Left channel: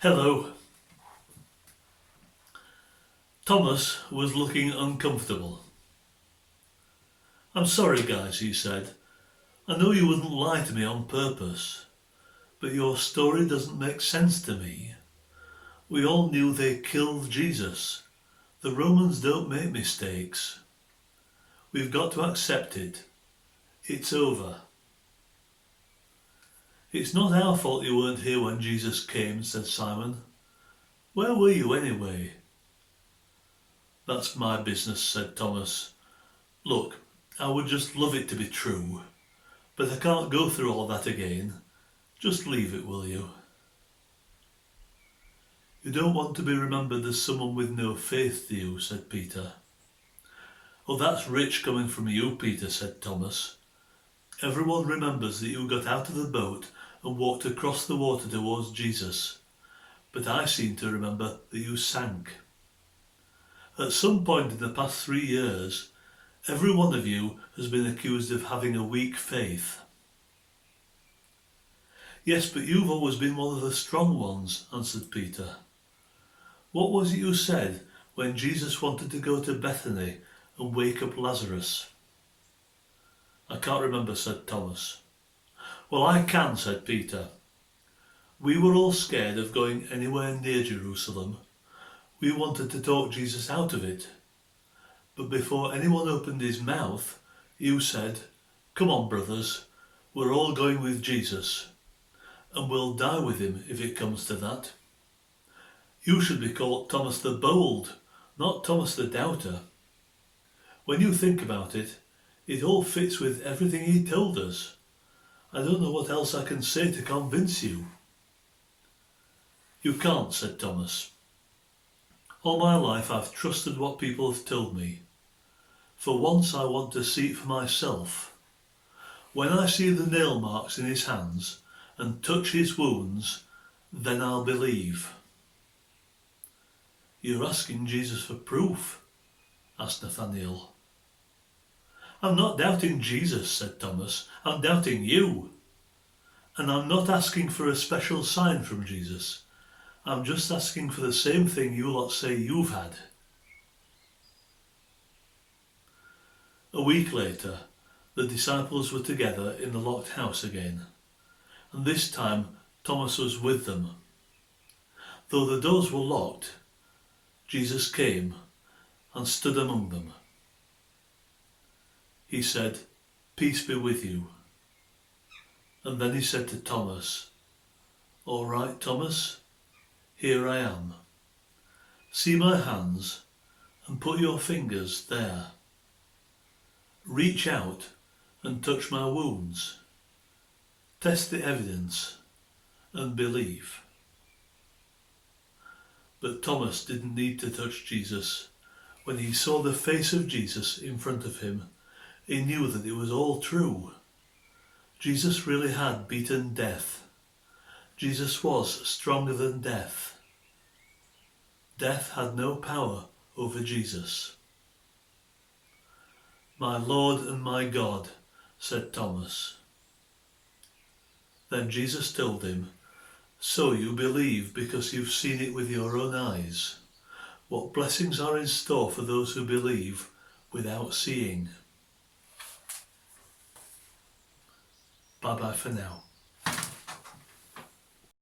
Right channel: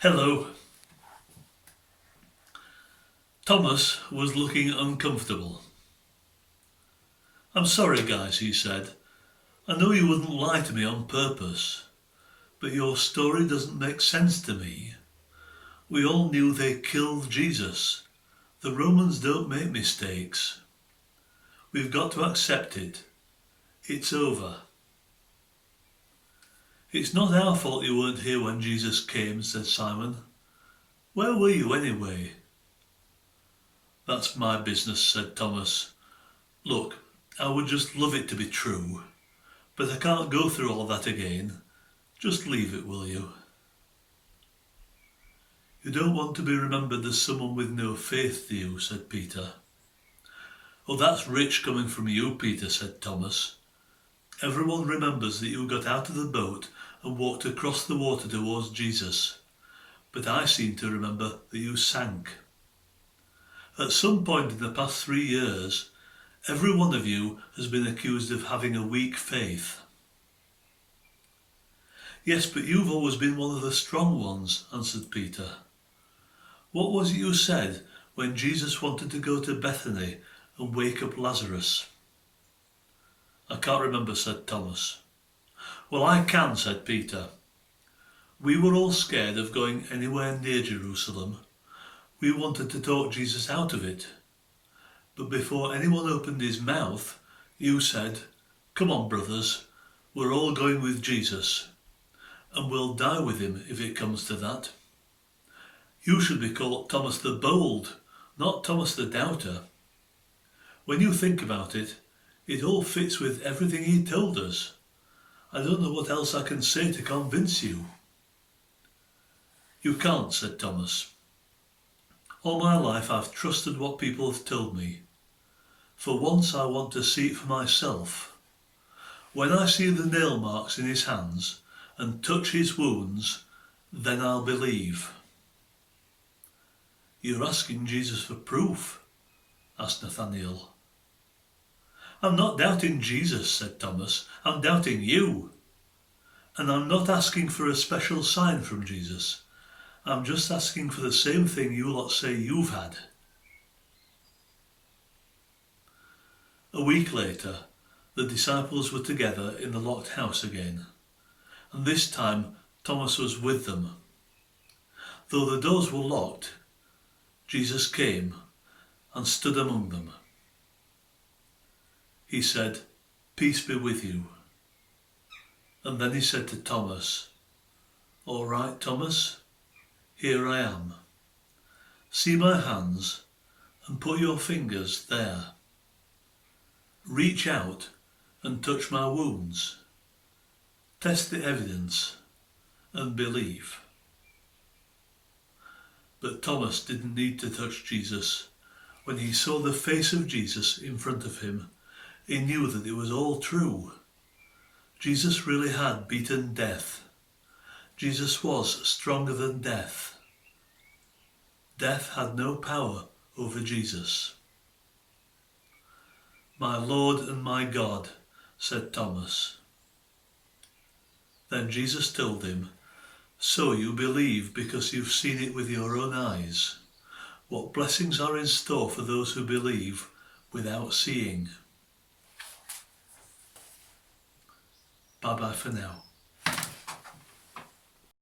Hello. Thomas was looking uncomfortable. "I'm sorry, guys," he said. "I know you wouldn't lie to me on purpose, but your story doesn't make sense to me. We all knew they killed Jesus. The Romans don't make mistakes. We've got to accept it. It's over." "It's not our fault you weren't here when Jesus came," said Simon. "Where were you anyway?" "That's my business," said Thomas. "Look, I would just love it to be true, but I can't go through all that again. Just leave it, will you?" "You don't want to be remembered as someone with no faith, do you?" said Peter. "Oh, that's rich coming from you, Peter," said Thomas. "Everyone remembers that you got out of the boat and walked across the water towards Jesus, but I seem to remember that you sank. At some point in the past 3 years, every one of you has been accused of having a weak faith." "Yes, but you've always been one of the strong ones," answered Peter. "What was it you said when Jesus wanted to go to Bethany and wake up Lazarus?" "I can't remember," said Thomas. "Well, I can," said Peter. "We were all scared of going anywhere near Jerusalem. We wanted to talk Jesus out of it. But before anyone opened his mouth, you said, 'Come on, brothers, we're all going with Jesus, and we'll die with him if it comes to that.' You should be called Thomas the Bold, not Thomas the Doubter. When you think about it, it all fits with everything he told us. I don't know what else I can say to convince you." "You can't," said Thomas. "All my life I've trusted what people have told me. For once I want to see it for myself. When I see the nail marks in his hands and touch his wounds, then I'll believe." "You're asking Jesus for proof?" asked Nathanael. "I'm not doubting Jesus," said Thomas. "I'm doubting you. And I'm not asking for a special sign from Jesus. I'm just asking for the same thing you lot say you've had." A week later, the disciples were together in the locked house again, and this time Thomas was with them. Though the doors were locked, Jesus came and stood among them. He said, "Peace be with you." And then he said to Thomas, "All right, Thomas, here I am. See my hands and put your fingers there. Reach out and touch my wounds. Test the evidence and believe." But Thomas didn't need to touch Jesus. When he saw the face of Jesus in front of him, he knew that it was all true. Jesus really had beaten death. Jesus was stronger than death. Death had no power over Jesus. "My Lord and my God," said Thomas. Then Jesus told him, "So you believe because you've seen it with your own eyes. What blessings are in store for those who believe without seeing." Bye bye for now.